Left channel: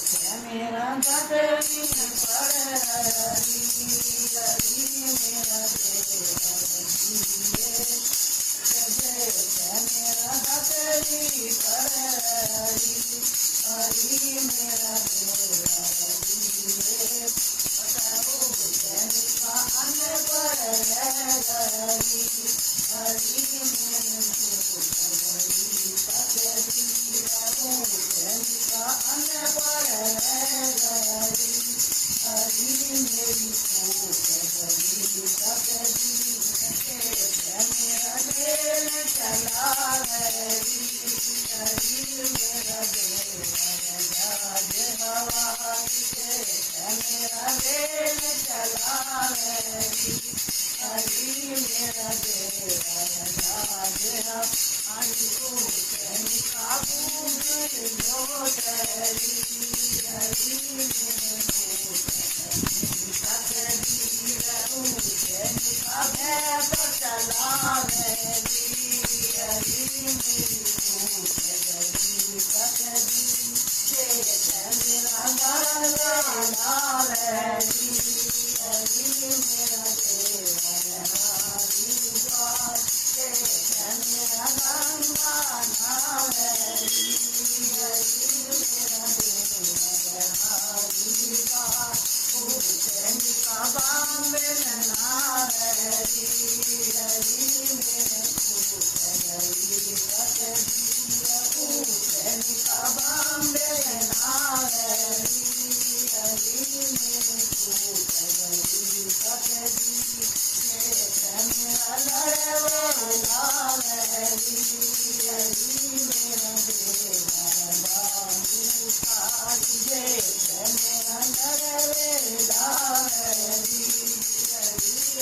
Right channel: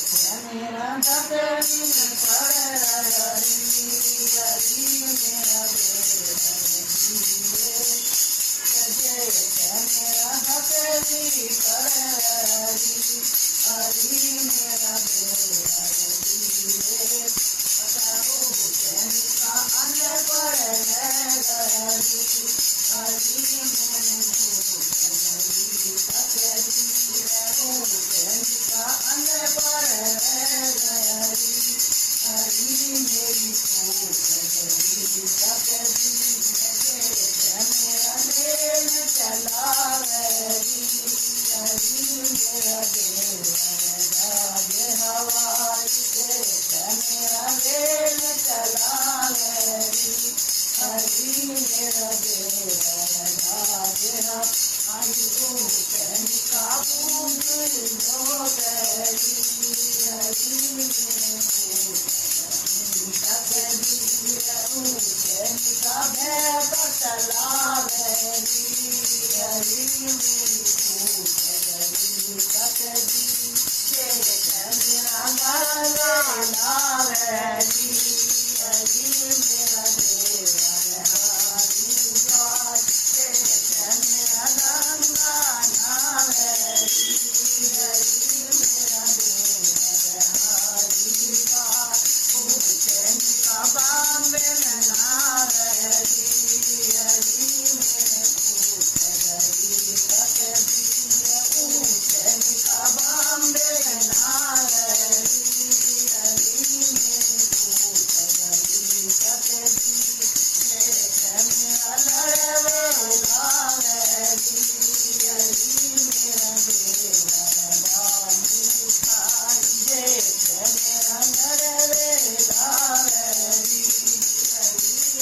मेरा दतरी पर हरी हरी मेरा मेरा दतरी पर हरी हरी मेरा अन्न पर हरी हरी अन्न पर हरी मेरी मेरा दिल चला हरी हरी मेरा राज हवाई मेरा दिल चला हरी हरी मेरा राज हमारी काबू जो हरी हरी चला हरी हरी मेरा गाना हरी हरी मेरा मेरा गाना हरी बाम्बे मना हरी हरी मेरे बाम्बे मना हरी हरी मेरे लड़वेला हरी हरी मेरा मेरा लड़वेला हरी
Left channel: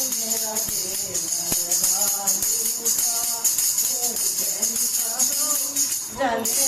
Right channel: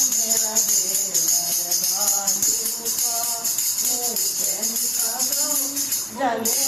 मेरा जले